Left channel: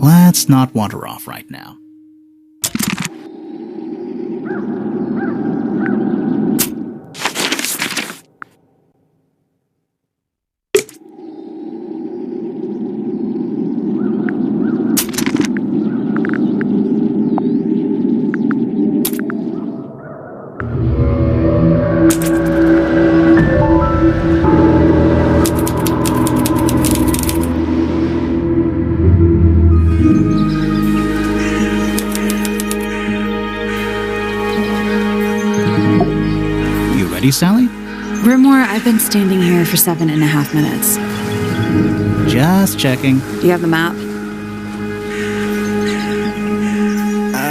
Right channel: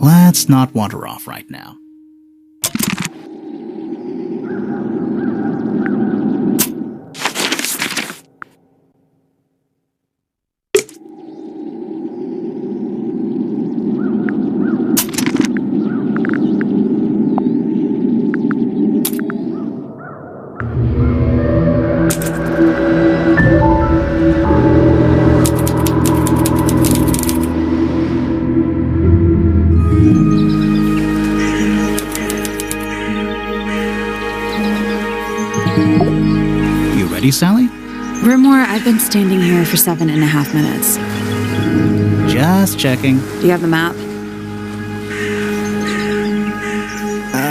Let's not wander off right now. Ready, Sally? Grimore, I've been standing here for 7.5 minutes. Just checking. Do you have the map?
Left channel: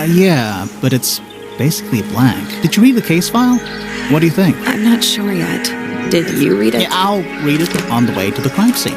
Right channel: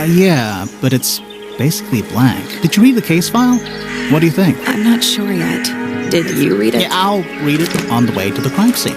Yeah, but it's basically blank. Did you read the case file? What do you think? I'm not sure yet. Did you read it? Yeah, I'll read it on the way to the crime scene.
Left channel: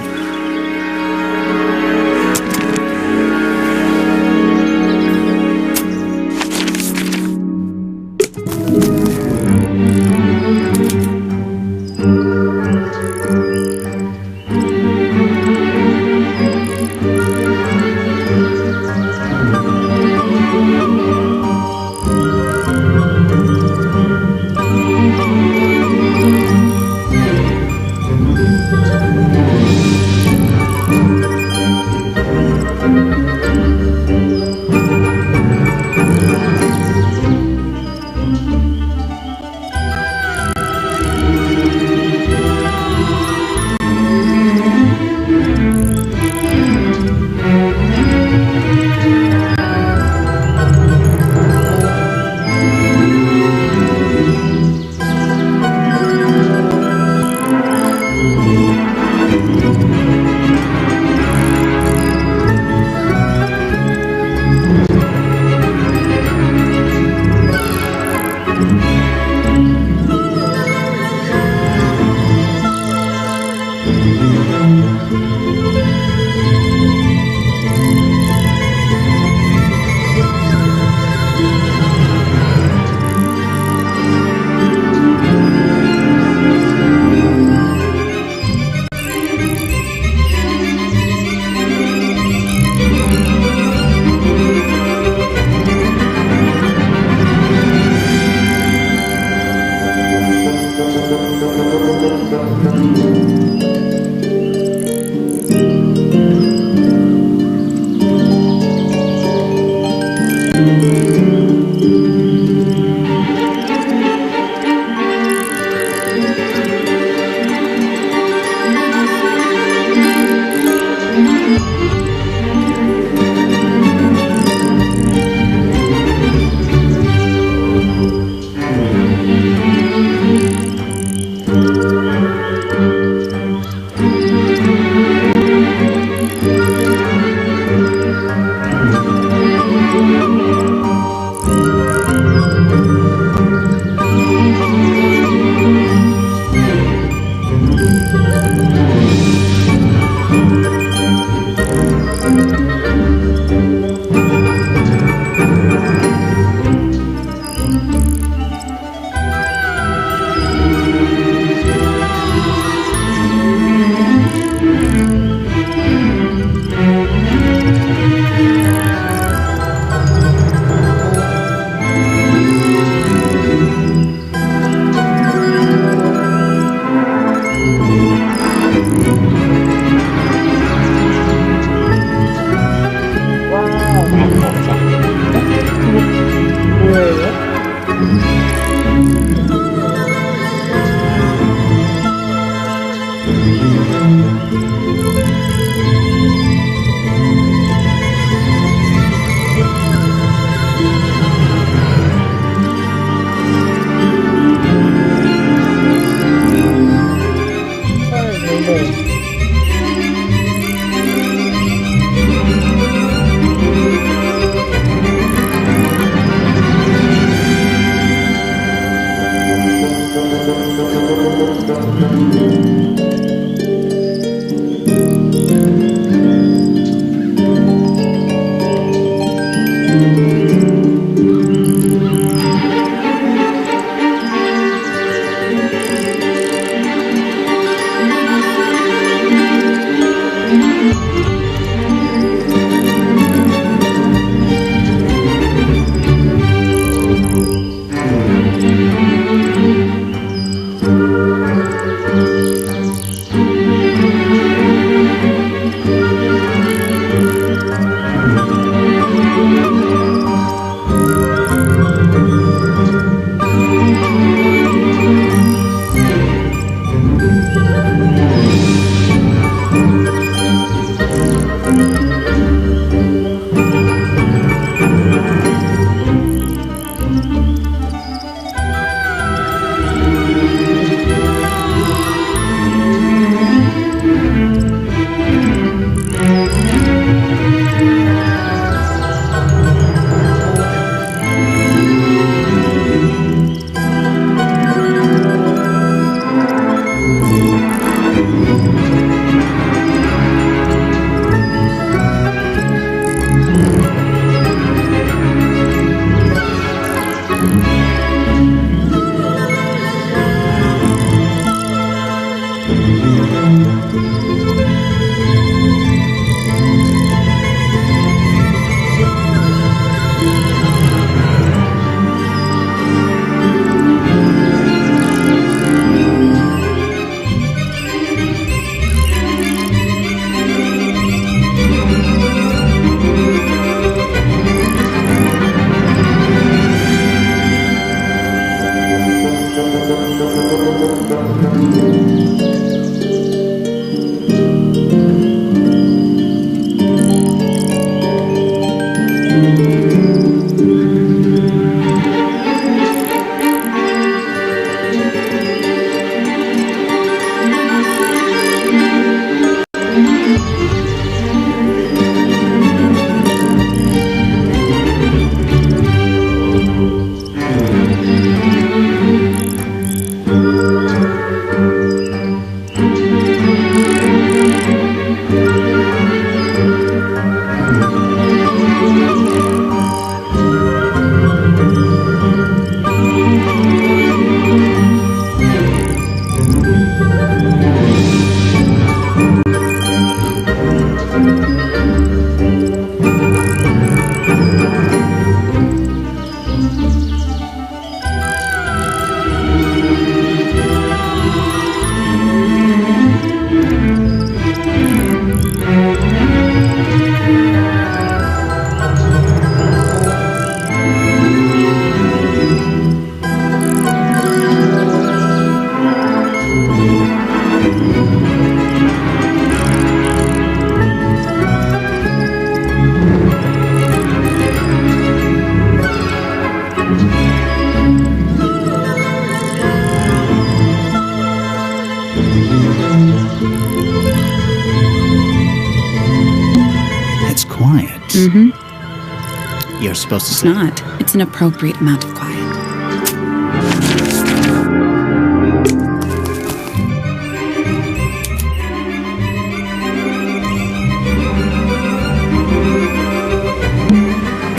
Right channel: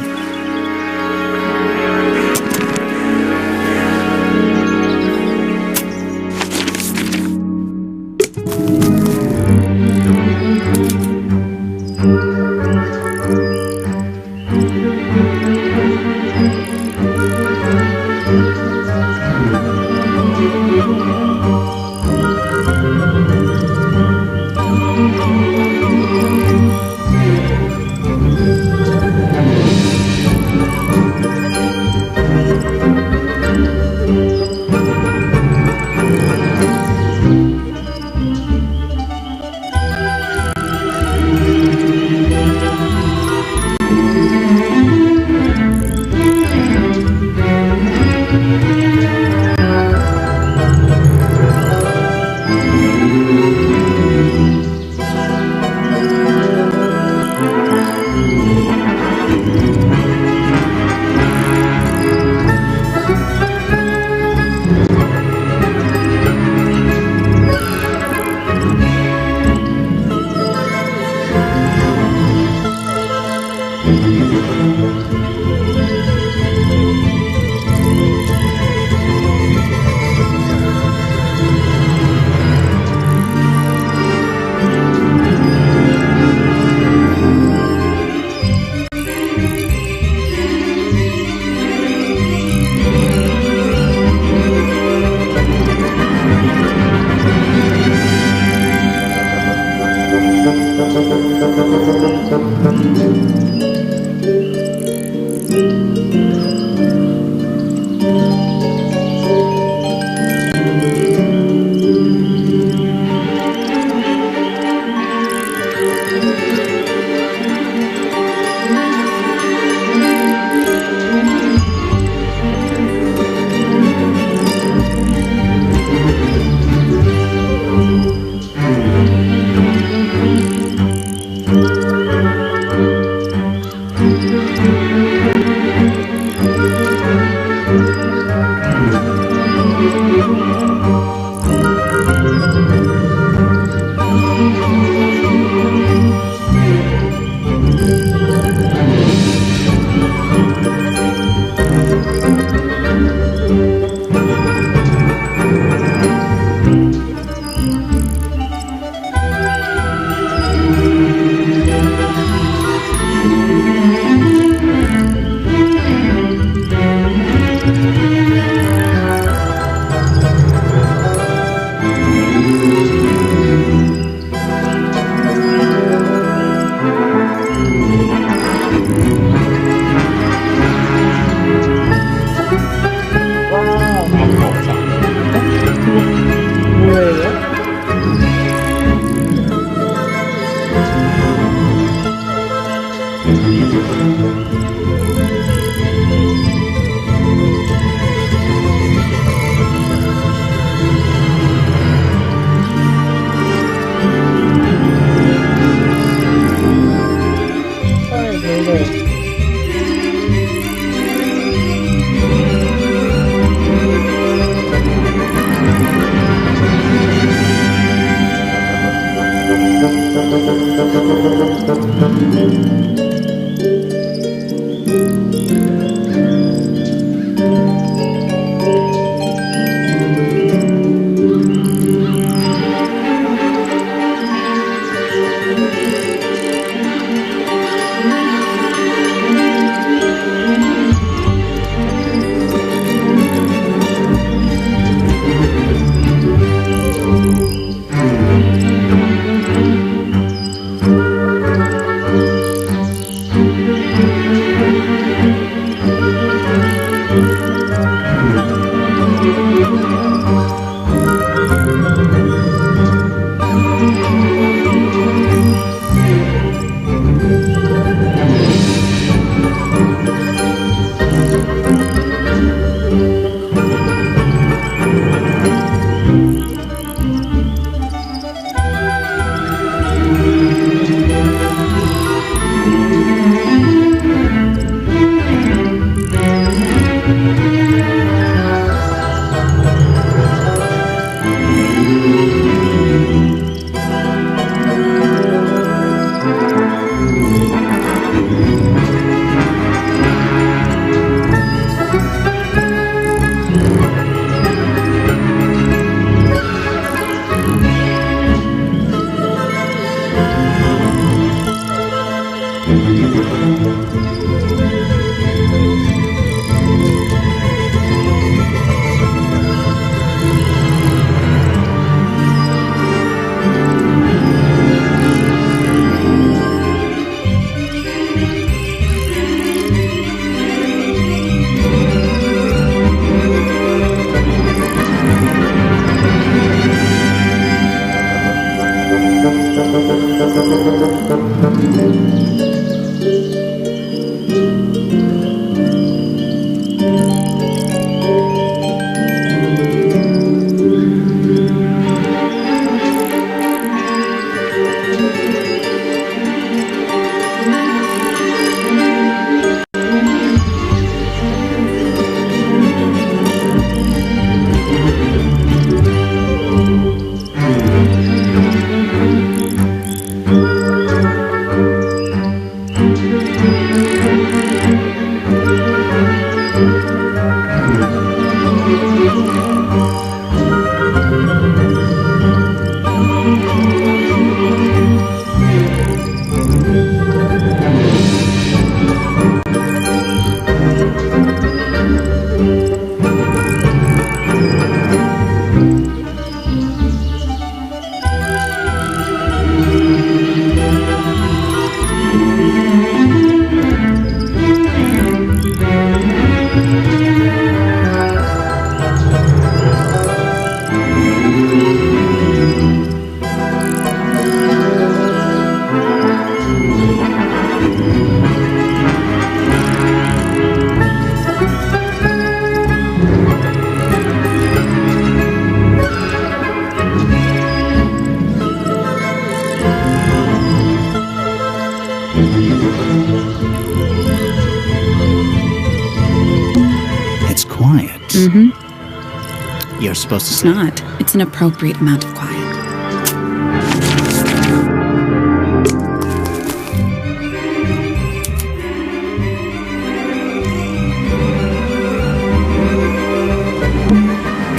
It's quiet. Mm-hmm. You're supposed to It's say... not. It's an appropriate amount of quiet.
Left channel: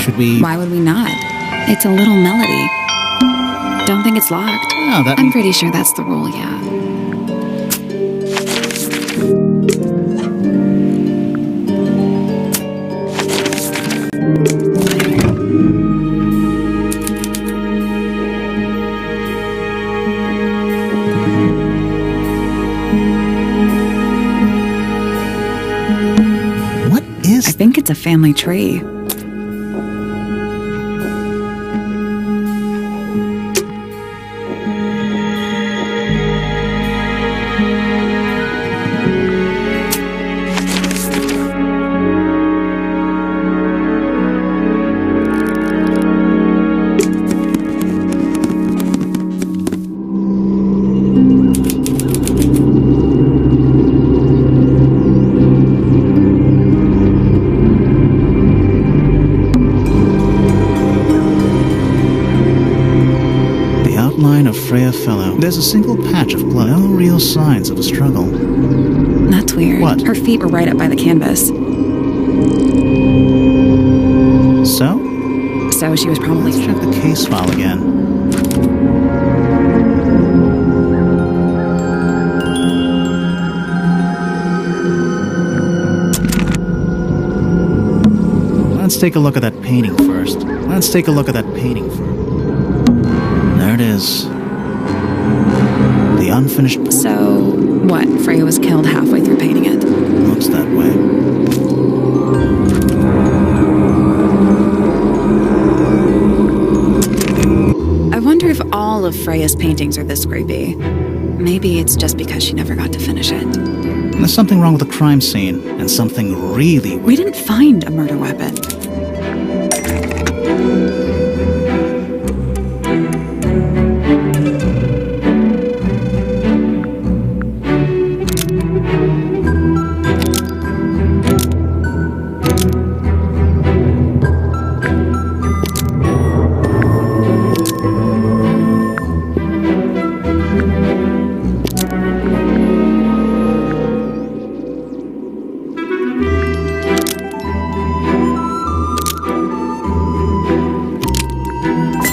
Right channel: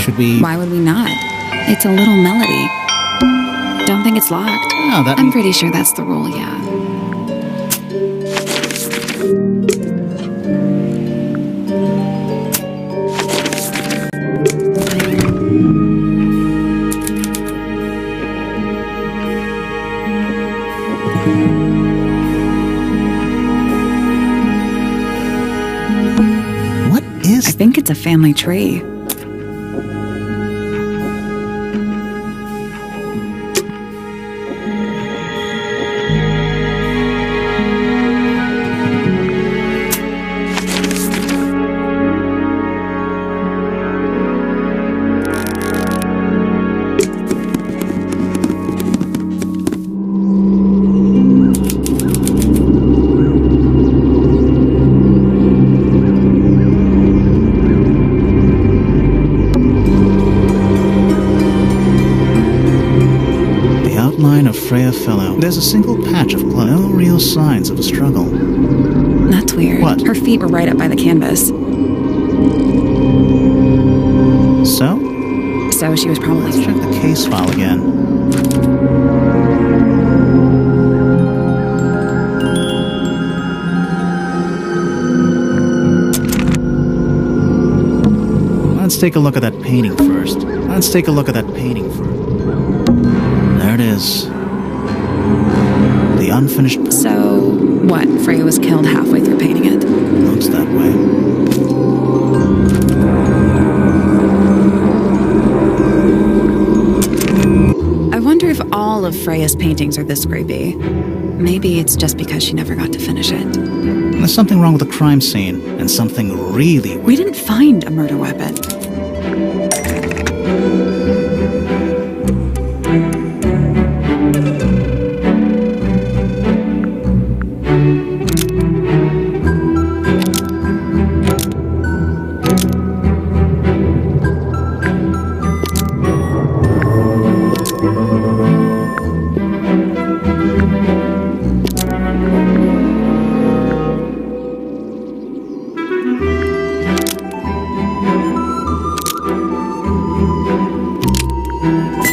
Should we... Why would we not? It's a little melody. Don't think it's locked. Oh, that I'm means... pretty sure that's the rule, yeah. What is... I think it's a family tree. outline of Freya Fellow. There's a single patch of blood. No real signs of a struggle. That's weird. What? Her feet were right up by the canvas. So? So she was probably... Let's check the case file again. Let's take a look at that painting first. There it is. The unfinished portrait. So, what? Freya was killed halfway through painting it? Looks that way. I wonder if all of Freya's paintings are this creepy. Maybe it's just because she never got to finish it. There's something wrong with the crime scene, and something really weird. We didn't find a murder weapon.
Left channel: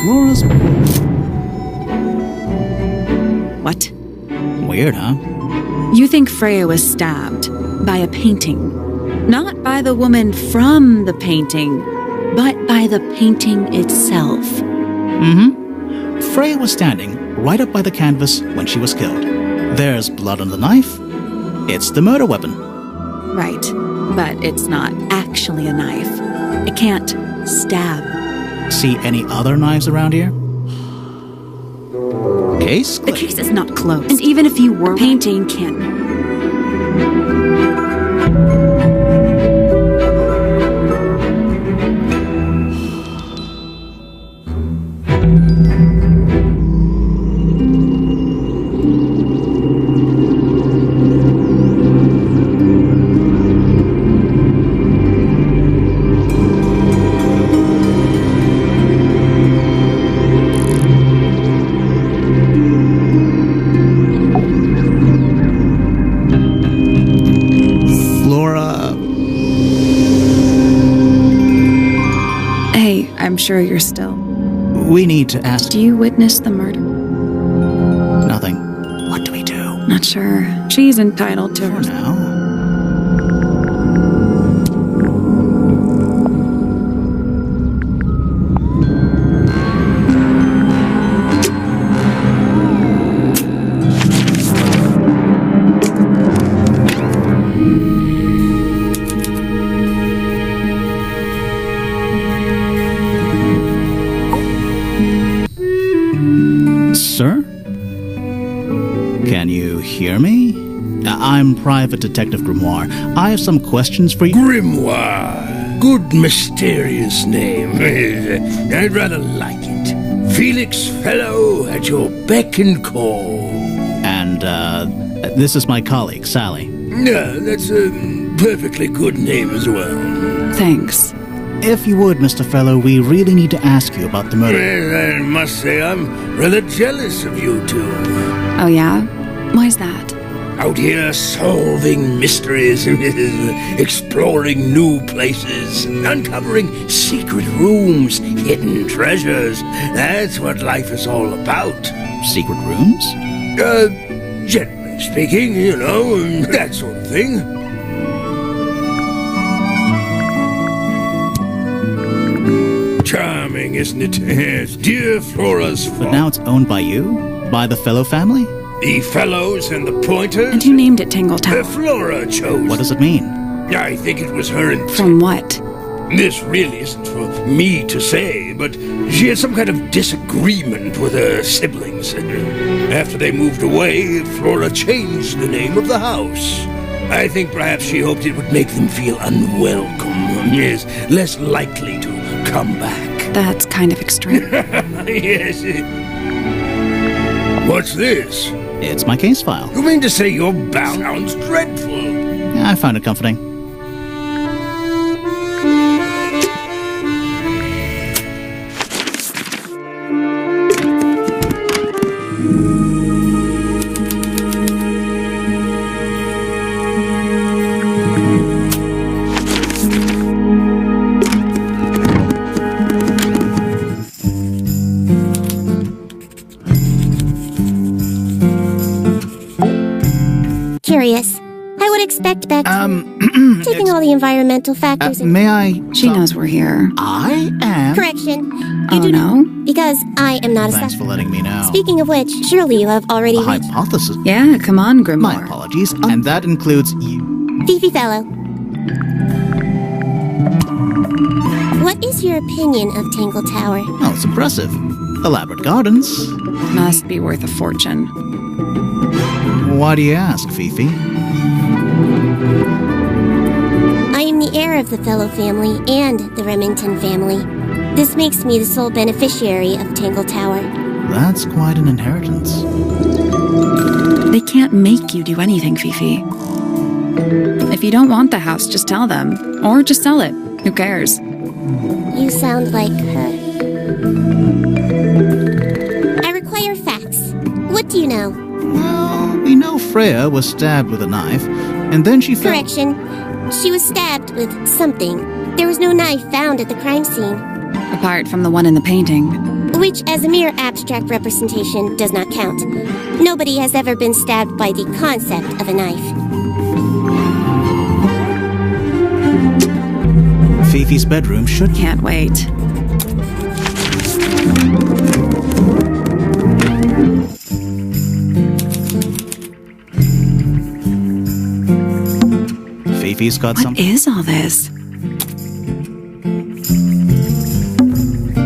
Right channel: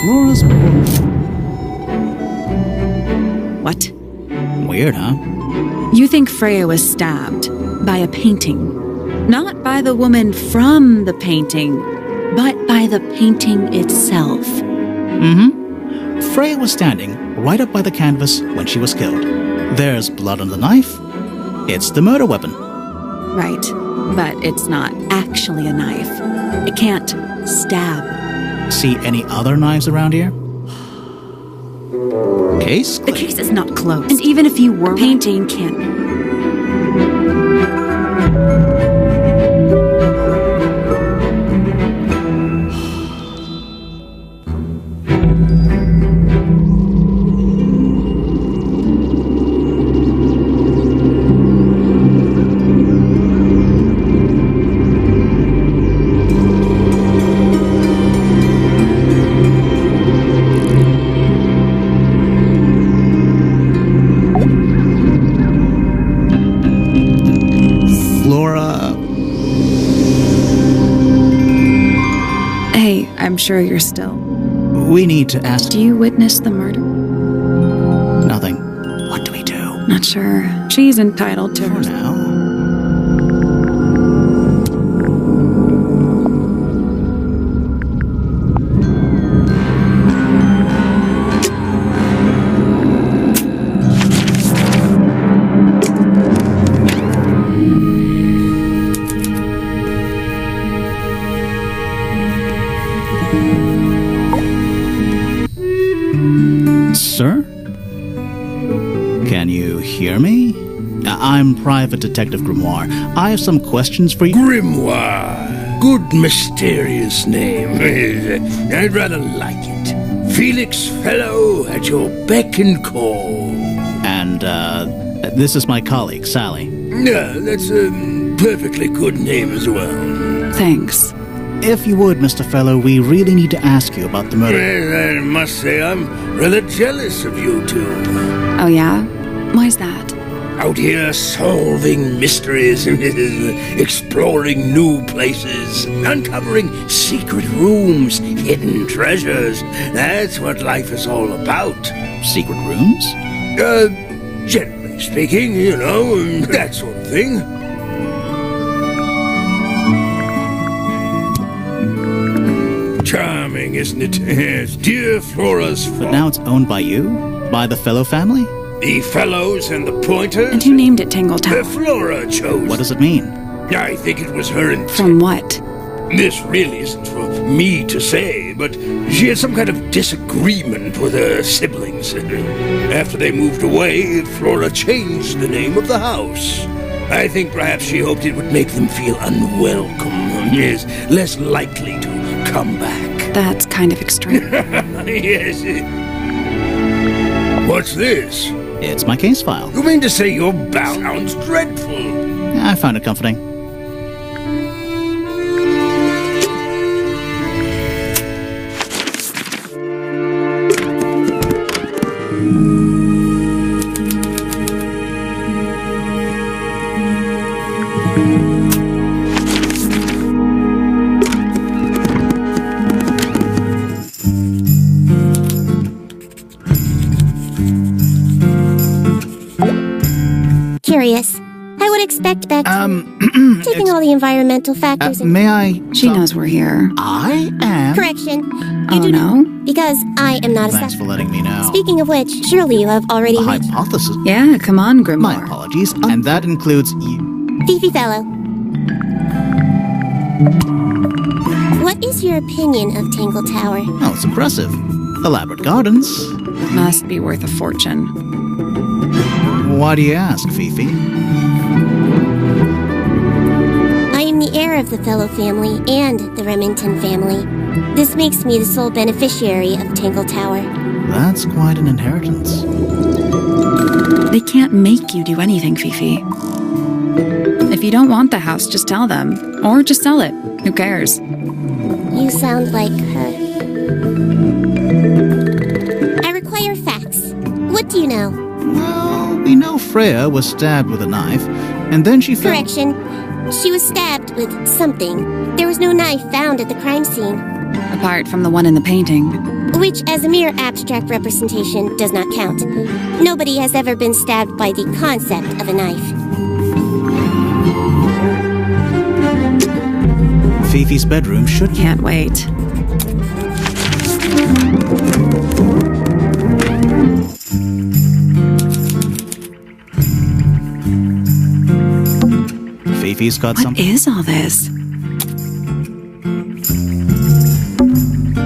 Flora's What? Weird, huh? You think Freya was stabbed by a painting. Not by the woman from the painting, but by the painting itself. Mm-hmm. Freya was standing right up by the canvas when she was killed. There's blood on the knife. It's the murder weapon. Right, but it's not actually a knife. It can't stab. See any other knives around here? Case The closed. case is not closed. And even if you were painting, can't... Flora... Hey, I'm sure you're still... We need to ask... Do you witness the murder? Nothing. What do we do? Not sure. She's entitled to For her... now... Sir? Can you hear me? I'm Private Detective Grimoire. I have some questions for you. Grimoire. Good mysterious name. I'd rather like it. Felix Fellow at your beck and call. And, this is my colleague, Sally. Yeah, that's a perfectly good name as well. Thanks. If you would, Mr. Fellow, we really need to ask you about the murder. Well, I must say I'm rather jealous of you two. Oh, yeah? Why's that? Out here solving mysteries, exploring new places, uncovering secret rooms, hidden treasures. That's what life is all about. Secret rooms? Generally speaking, you know, that sort of thing. Charming, isn't it? Yes, dear Flora's fault. But now it's owned by you? By the Fellow family? The Fellows and the Pointers? And who named it Tangle Tower? Flora chose. What does it mean? I think it was her intent. From what? This really isn't for me to say, but she had some kind of disagreement with her siblings. After they moved away, Flora changed the name of the house. I think perhaps she hoped it would make them feel unwelcome, yes, less likely to come back. That's kind of extreme. Yes. What's this? It's my case file. You mean to say you're bound? Sounds dreadful. I found it comforting. curious. I would expect back to... taking all the environmental factors may I... She knows we're here. I am... Correction. Oh, no? Because I am not a Thanks for letting me know. Speaking of which, surely you have already A reached... hypothesis? Yeah, come on, Grimoire. My apologies. And that includes you. Fifi Fellow. What is your opinion of Tangle Tower? Oh, it's impressive. Elaborate gardens. Must be worth a fortune. Why do you ask, Fifi? I am the heir of the Fellow family and the Remington family. This makes me the sole beneficiary of Tangle Tower. That's quite an inheritance. They can't make you do anything, Fifi. If you don't want the house, just tell them. Or just sell it. Who cares? You sound like her. I require facts. What do you know? Well, we know Freya was stabbed with a knife, and then she fell... Correction. She was stabbed with something. There was no knife found at the crime scene. Apart from the one in the painting. Which, as a mere abstract representation, does not count. Nobody has ever been stabbed by the concept of a knife. Fifi's bedroom should... Can't wait. Fifi's got What something... is all this?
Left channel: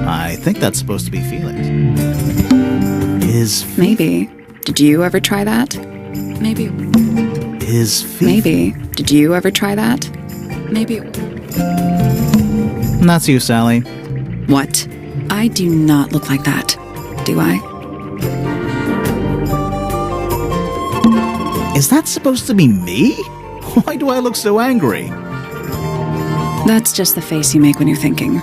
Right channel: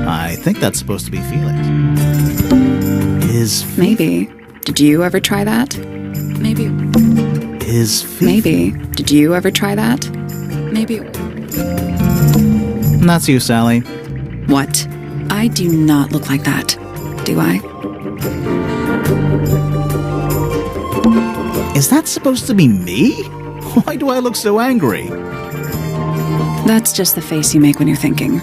I think that's supposed to be Felix. Is... Maybe. Did you ever try that? Maybe. Is Fifi... Maybe. Did you ever try that? Maybe. That's you, Sally. What? I do not look like that. Do I? Is that supposed to be me? Why do I look so angry? That's just the face you make when you're thinking.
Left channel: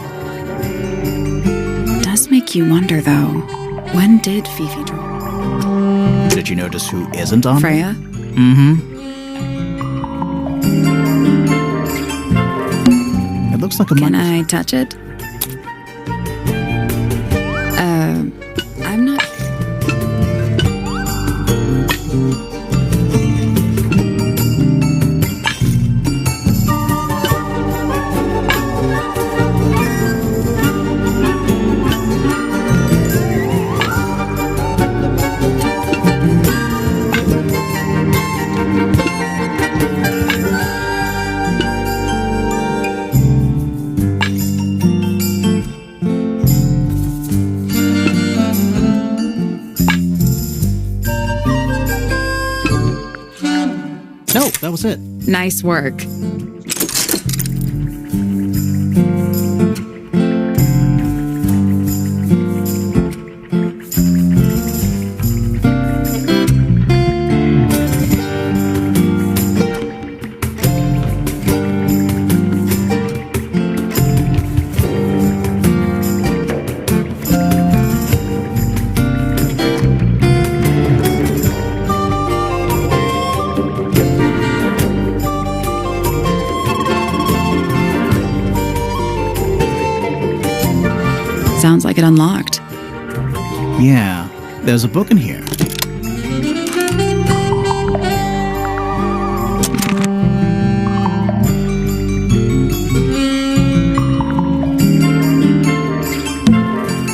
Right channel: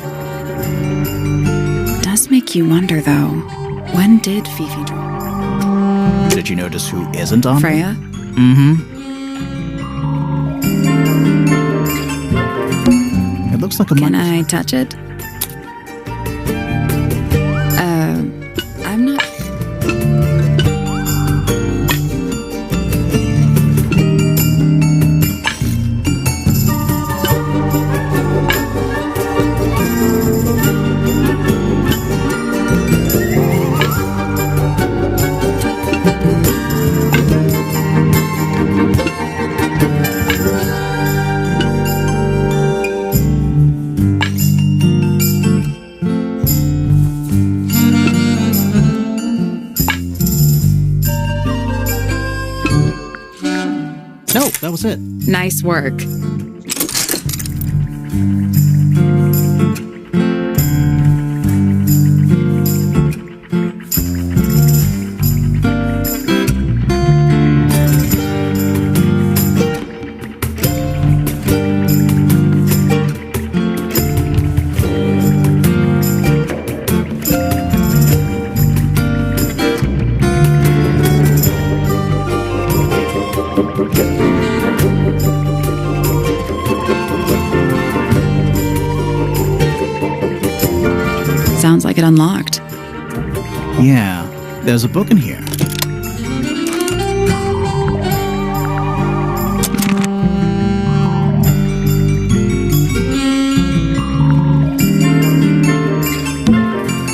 Does make you wonder, though. When did Fifi draw? Did you notice who isn't on? Freya? Mm-hmm. It looks like a... Can I touch it? I'm not... No, that was it. Nice work. Sounds like it unlocked. Yeah, there's a book in here.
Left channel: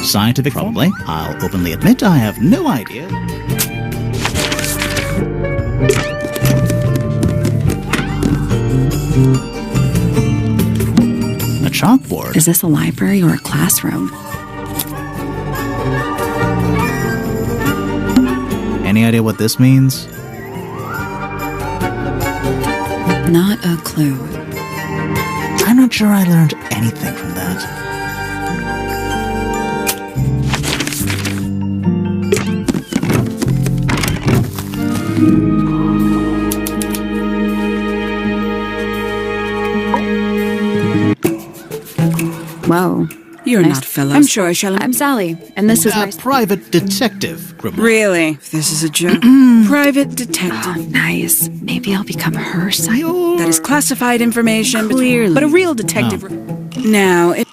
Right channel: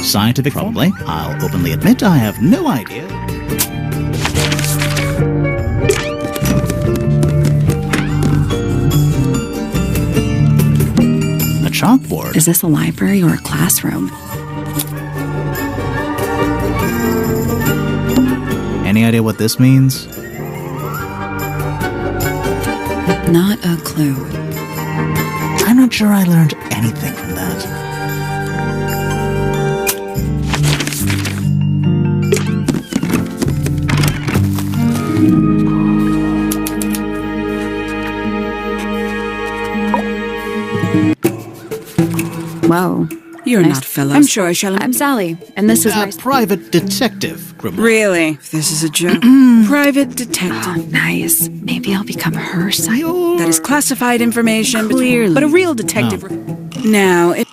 Scientific, probably. I'll openly admit I have no idea. A chalkboard. Is this a library or a classroom? Any idea what this means? Not a clue. I'm not sure I learned anything from that. Whoa. You're Nice. not Phyllis. I'm sure I shall. I'm Sally, and this is A my... private detective, Grimoire. Really? This is a joke. Private detective. Oh, nice. Maybe I'll become her side. That is classified information. Clearly. But a real detective. Now, it...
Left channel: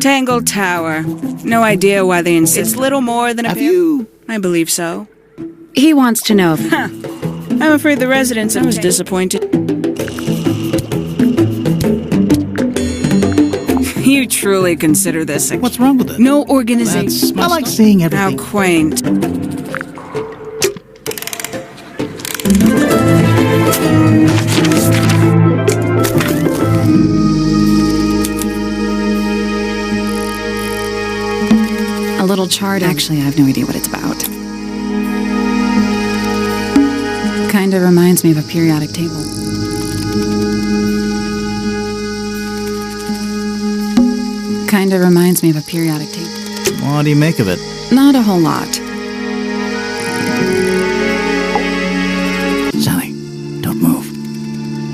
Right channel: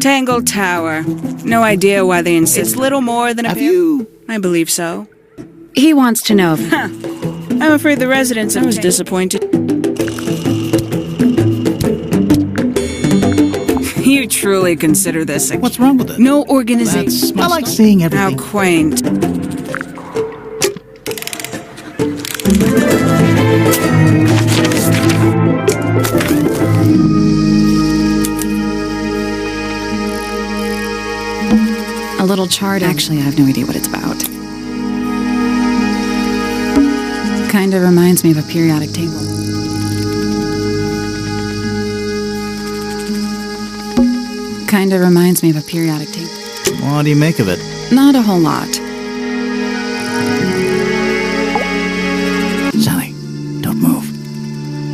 Tangle Tower. No idea why they insist. It's little more than a... Have you... I believe so. He wants to know if... I'm afraid the residents I was disappointed. You truly consider this a... What's wrong with it? No organization. That's I like seeing everything. How quaint. A little chart. Actually, I have no idea what it's about. Kind of reminds me of a periodic table. Kind of reminds me of a periodic table. What do you make of it? Not a whole lot. Sally, don't move.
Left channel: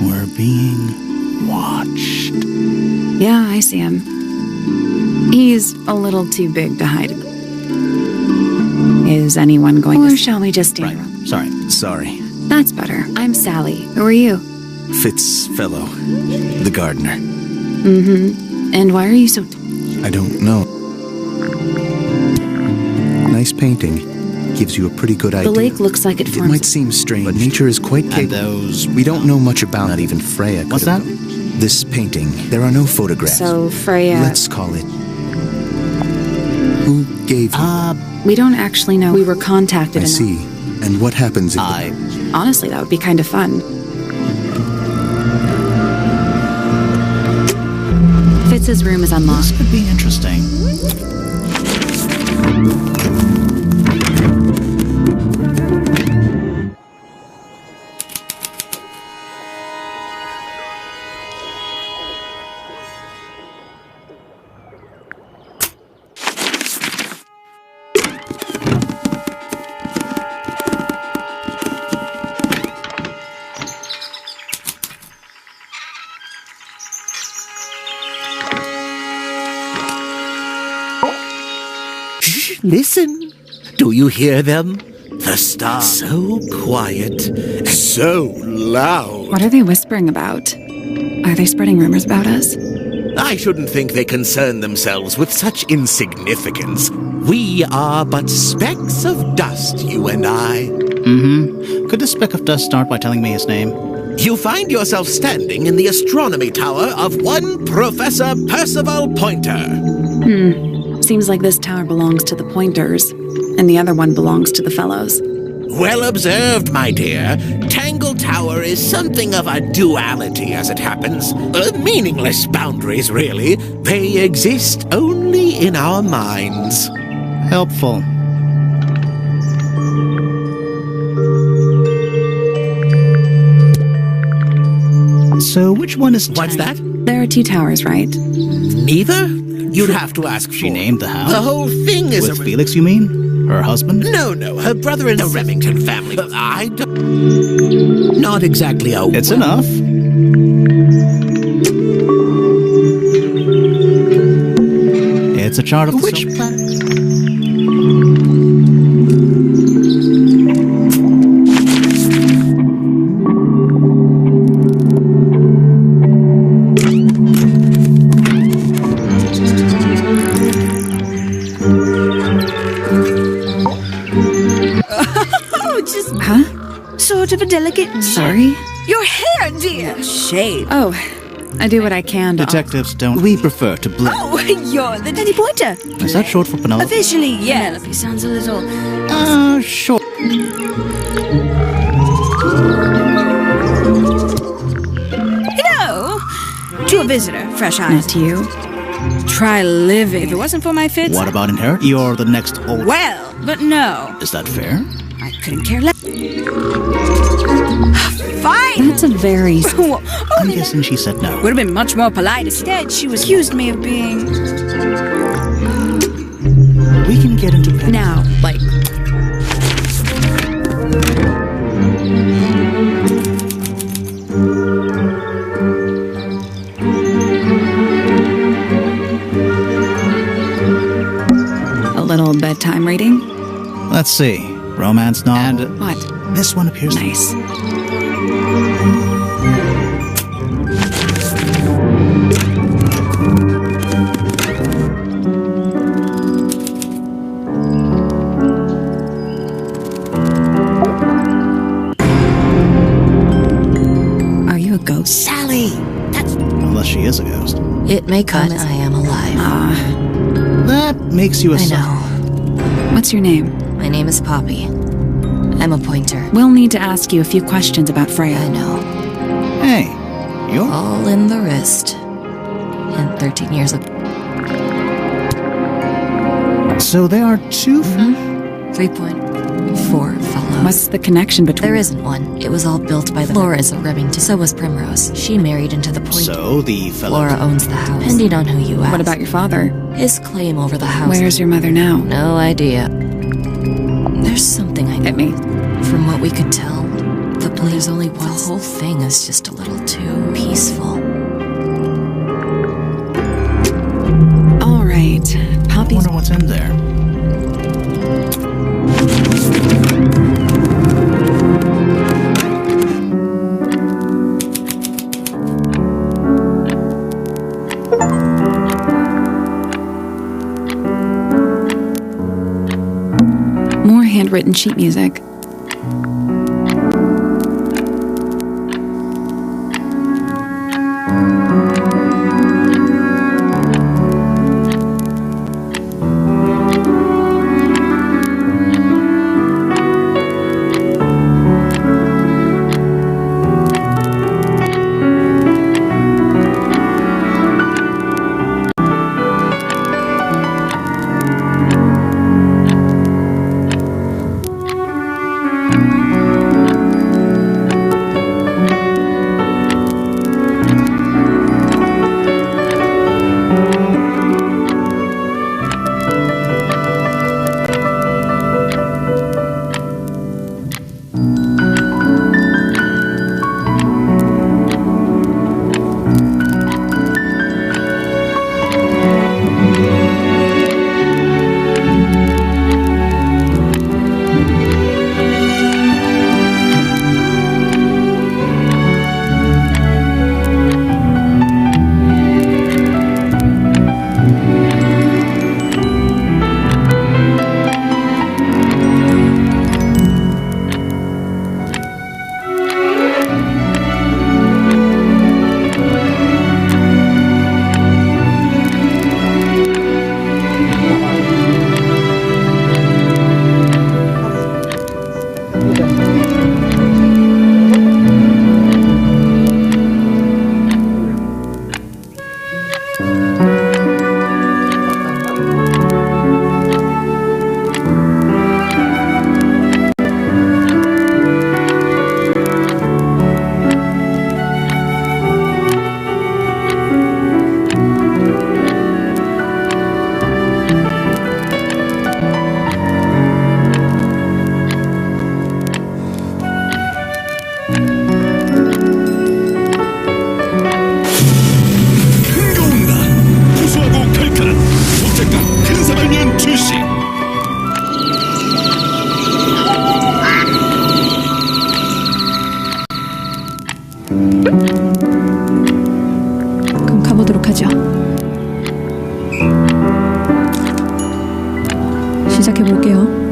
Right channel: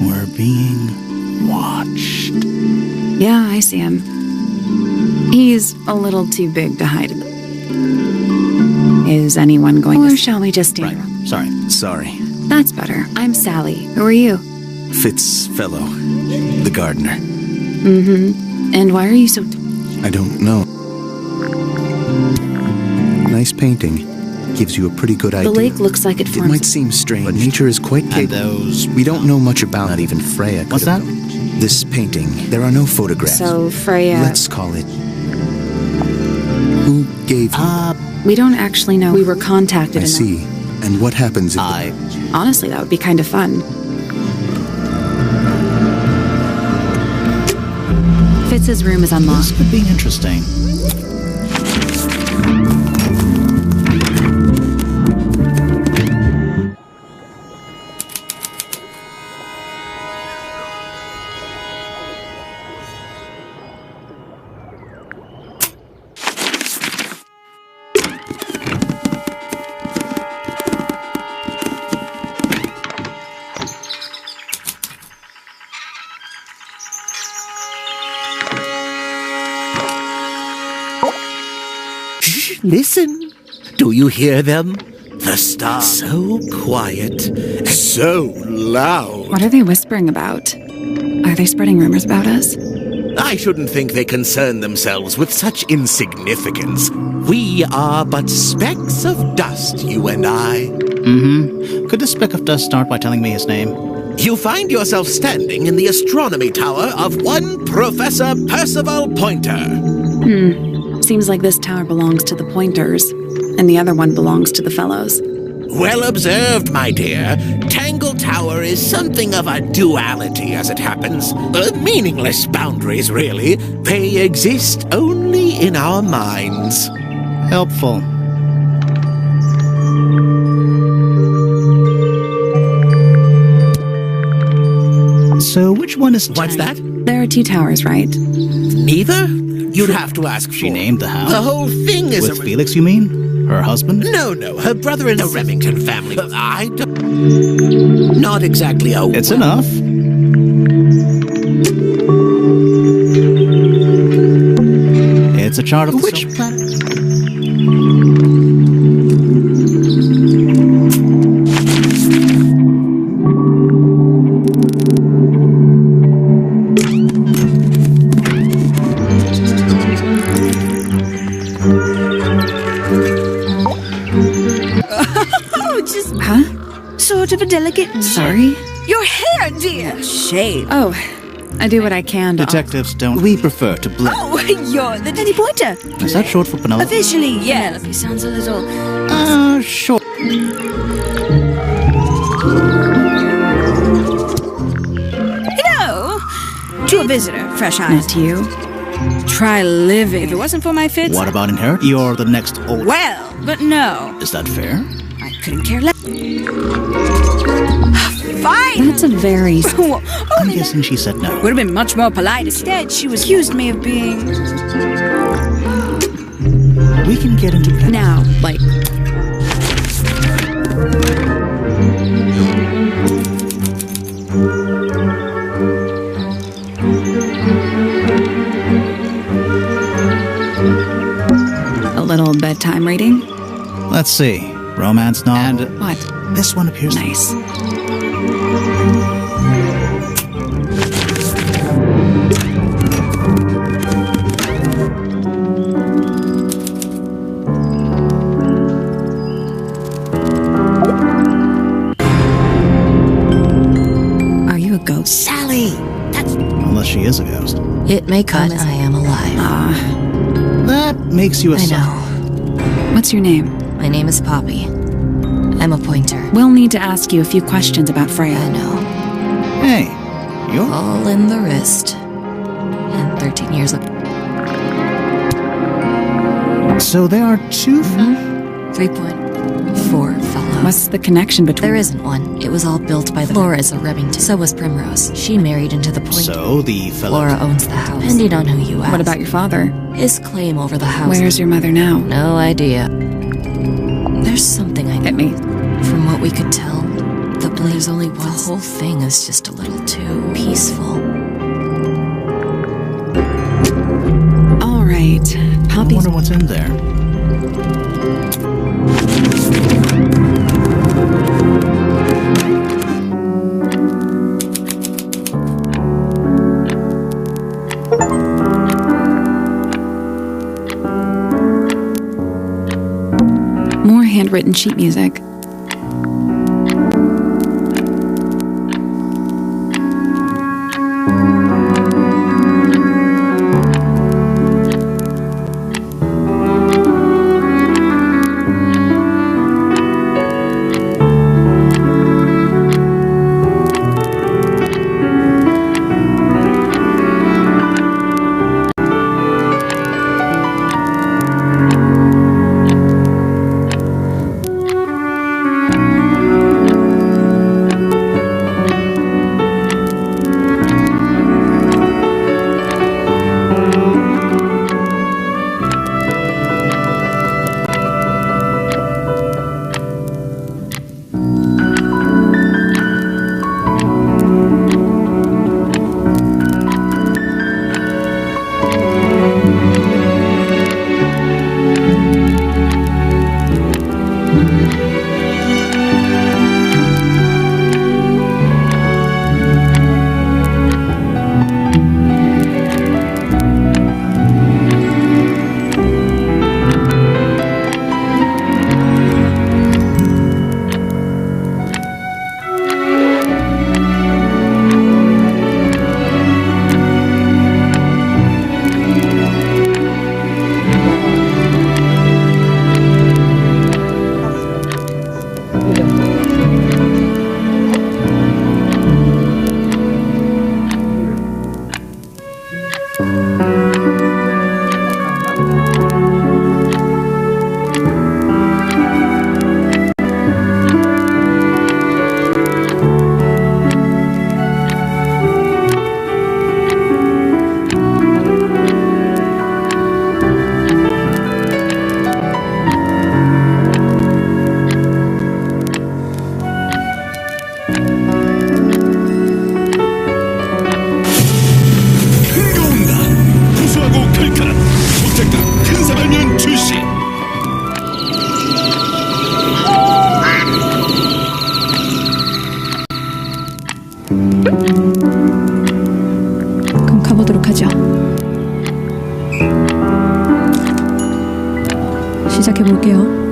We're being watched. Yeah, I see him. He's a little too big to hide in. Is anyone going to... Or shall we just stay around? Sorry. Sorry. That's better. I'm Sally. Who are you? Fitzfellow, the gardener. Mm-hmm. And why are you so... I don't know. Nice painting. Gives you a pretty good idea. The lake looks like it It forms... might seem strange, but nature is quite capable. And those... We don't know much about Not even Freya could What's have that? known. This painting. There are no photographs. So, Freya... Let's call it... Who gave you We don't actually know. We were contacted I see. And what happens if... Honestly, that would be kind of fun. Fitz's room is unlocked. This could be interesting. Listen. Do you hear them? The stars. So quiet and so loud. What are they whispering about? Are they spreading rumors about us? I shouldn't think they concern themselves with such insignificance. We are but specks of dust, you and I. Mm-hmm. Could this speck of dust start by telling me his name? You find yourself standing in the astronomy tower of one Professor Percival Pointer. Seems like this tower belongs to the Pointers, and the other one belongs to the Fellows. Well observed, my dear. Tangle Tower is something of a duality, as it happens. Meaningless boundaries, really. They exist only in our minds. Helpful. So which one is... What's that? There are two towers, right? Neither? You'd have to ask She for. named the house? The whole thing is With Felix, you mean? Her husband? No, her brother and the Remington family. I don't... Not exactly a... It's enough. It's a chart of the Which planet? Huh? Sort of a delicate... Sorry? Your hair, dear! Shave. Oh, I do what I can to... Detectives don't... We prefer to blend. Oh, you're the Danny Pointer. Is that short for Penelope? Officially, yes. Penelope sounds a little... Sure. No! To a visitor, fresh eyes. Not to you. Try living. If it wasn't for my fits... What about inherit? You're the next old... Well, but no. Is that fair? I couldn't care less. Fine! That's a very... I'm guessing she said no. Would have been much more polite. Instead, she was accused me of being... We can get into... Now, like... A little bedtime reading? Let's see. Romance novel. And What? this one appears... Nice. ghost. Sally! Unless she is a ghost. It may come as I am alive. That makes you a I son. know. What's your name? My name is Poppy. I'm a pointer. We'll need to ask you a few questions about Freya. I know. Hey, you're... All in the wrist. And 13 years of... So there are two... 3.4 fellows. What's the connection between There isn't one. It was all built by the... Flora's a Remington. So was Primrose. She married into the point. So the fellow... Flora owns the house. Depending on who you ask. What about your father? His claim over the house. Where's your mother now? No idea. There's something I know. Hit me. From what we could tell, there's only one. The whole thing is just a little too peaceful. All right. I Poppy's... wonder what's in there. More handwritten sheet music. 그럼 가보도록 하죠. 시작해볼게요.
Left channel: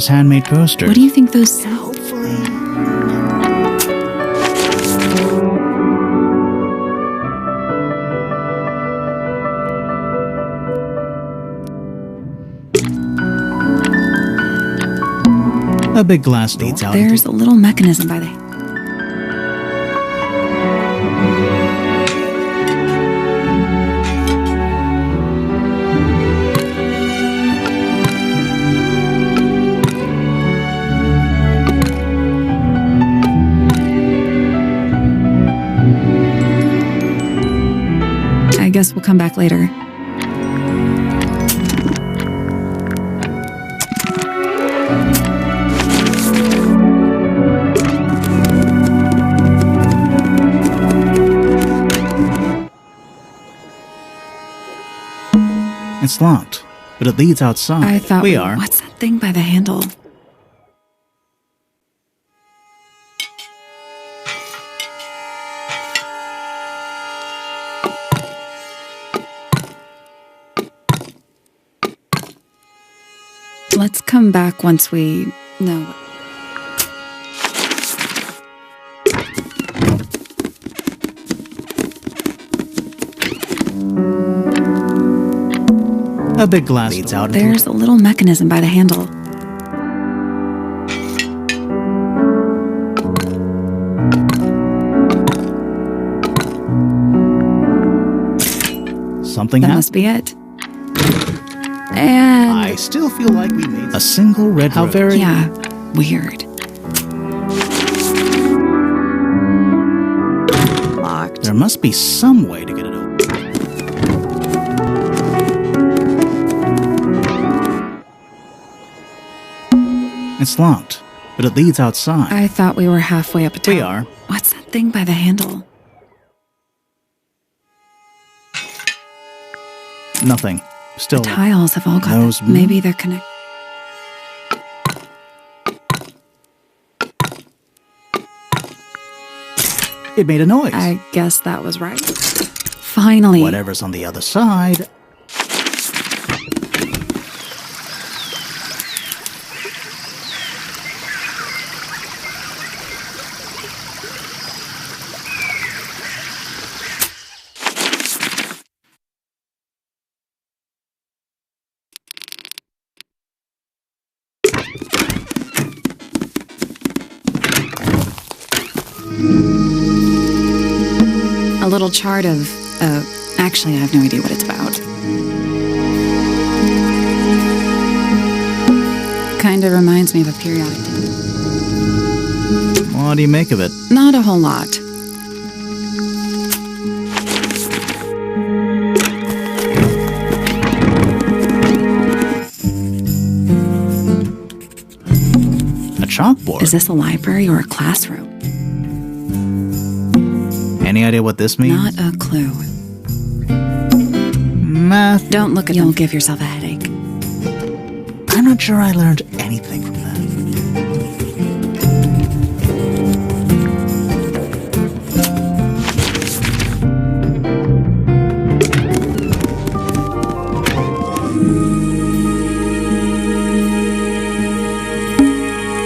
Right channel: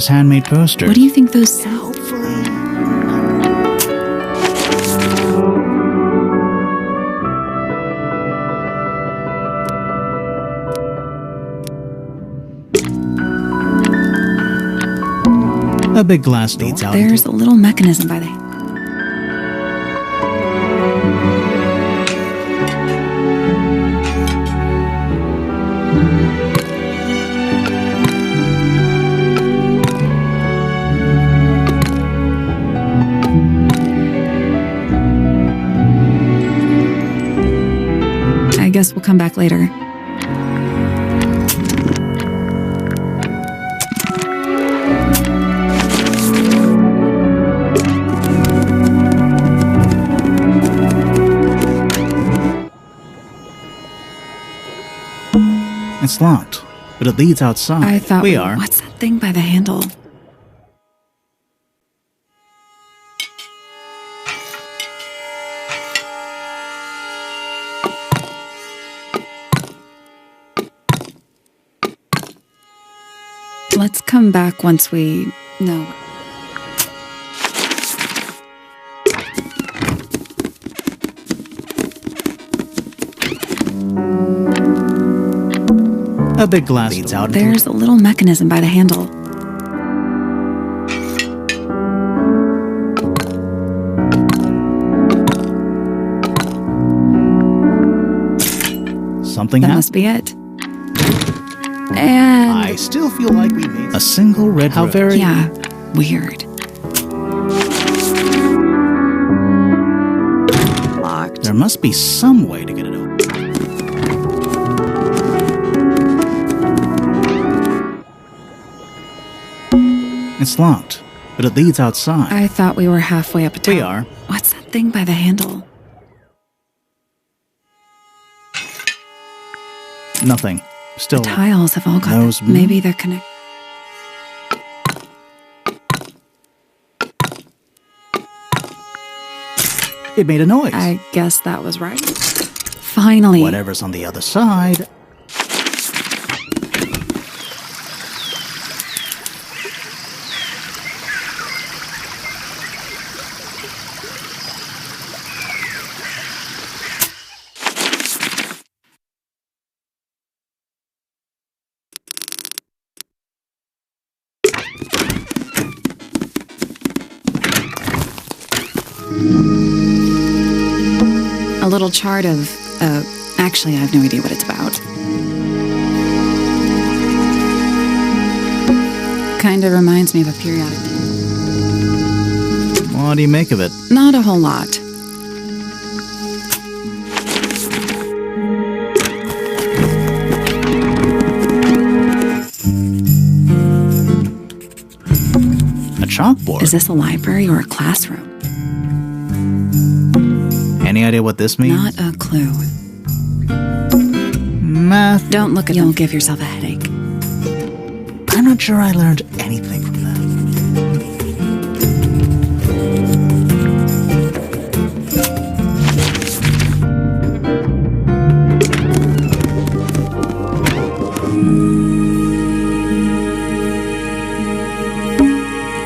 mysterious handmade posters. What do you think those say? Hopefully... A big glass leads out. There's a little mechanism by the... I guess we'll come back later. It's locked, but it leads outside. I thought we are. What's that thing by the handle? Let's come back once we know. A big glass leads out. There's a little mechanism by the handle. Something That happened. must be it. And I still feel like we made a single red road. Very... yeah, weird. Locked. There must be some way to get it open. It's locked, but it leads outside. I thought we were halfway up a tower. We are. What's that thing by the handle? Nothing. Still. The tiles have all got Those- maybe they're connected. It made a noise. I guess that was right. Finally. Whatever's on the other side. A little chart of, actually, I have no idea what it's about. Kind of reminds me of a periodic table. What do you make of it? Not a whole lot. A chalkboard. Is this a library or a classroom? Any idea what this means? Not a clue. Math. Don't look at them. You'll give yourself a headache. I'm not sure I learned anything from that.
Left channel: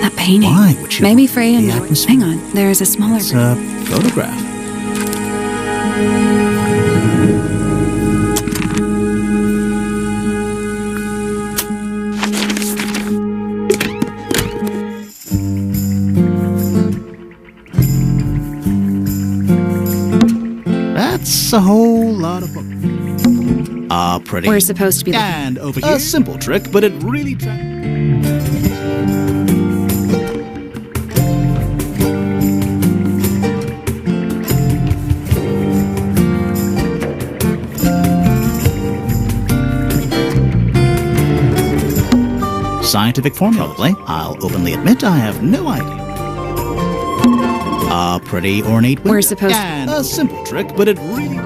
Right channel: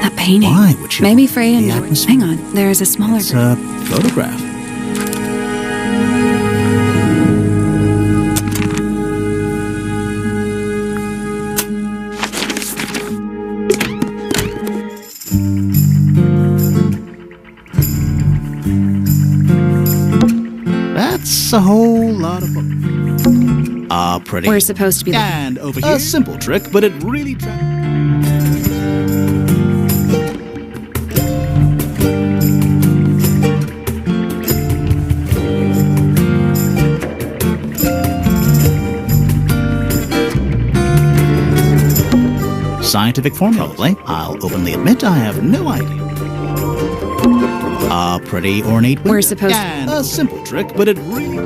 That painting. Why would you Maybe want Freya the enjoyed. atmosphere? Hang on, there is a smaller It's version. a photograph. That's a whole lot of fun. Pretty. We're supposed to be looking. And over here, a simple trick, but it really scientific formula, probably. I'll openly admit I have no idea. A pretty ornate window. We're supposed to- and a simple trick, but it really...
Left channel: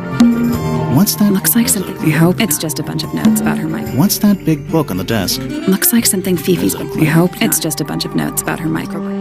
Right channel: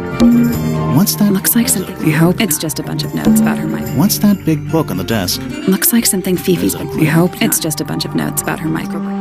What's that? Looks like something. We hope it's just a bunch of notes about her mic. What's that big book on the desk? Looks like something Fifi's There's a been. We hope it's just a bunch of notes about her microbrain.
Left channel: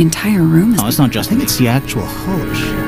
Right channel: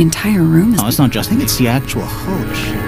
The entire room is... Oh, it's not just... I think it's the actual hull of the ship.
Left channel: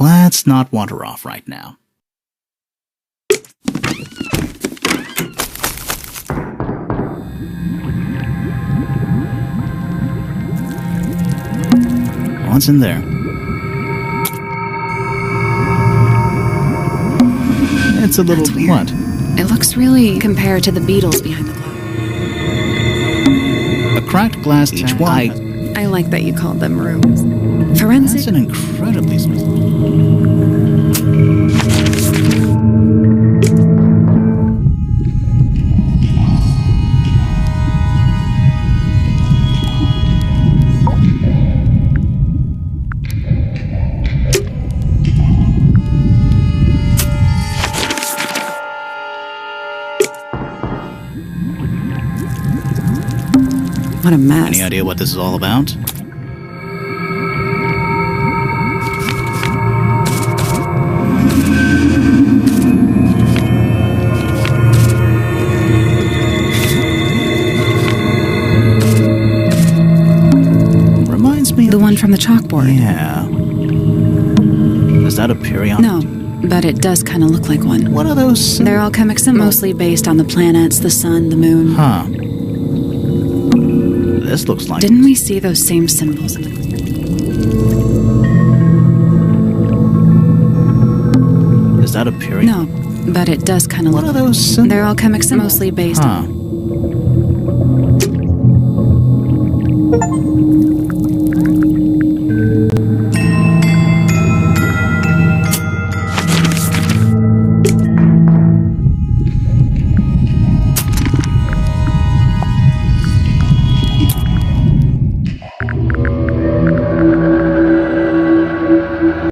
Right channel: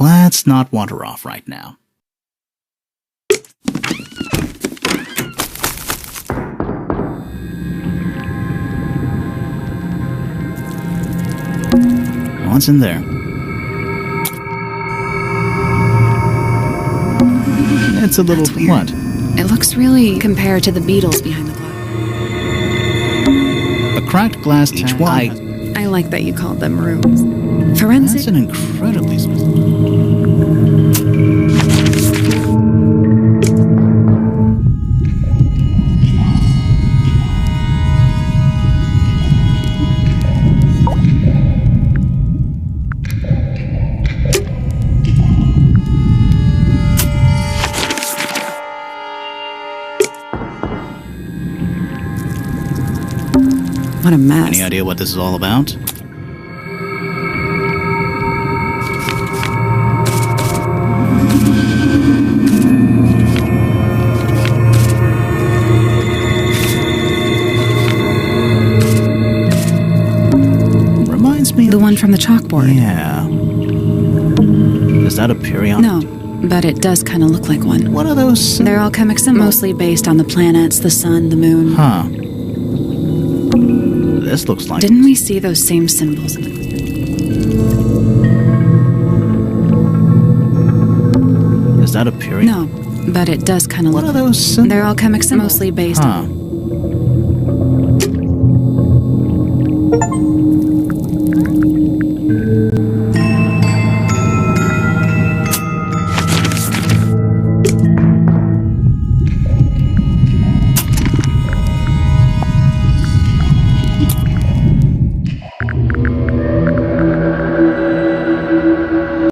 Let's not wander off right now. What's in there? It's a little... That's weird. What? It looks really compared to the beetles behind the glass. A cracked glass Each tank. one. I like that you called them rooms. Forensic... That's an incredibly specific... What a mess. Any idea what this is all about? Reminds me of The one from the chalkboard. Yeah. Is that a periodic? No, but it does kind of look like one. What are those? They're alchemic symbols, mostly based on the planets, the sun, the moon. Huh. This looks like... Didn't we see those same symbols in the... Is that a period? No, but it does kind of What look... are those? They're alchemic symbols, mostly based Huh. on...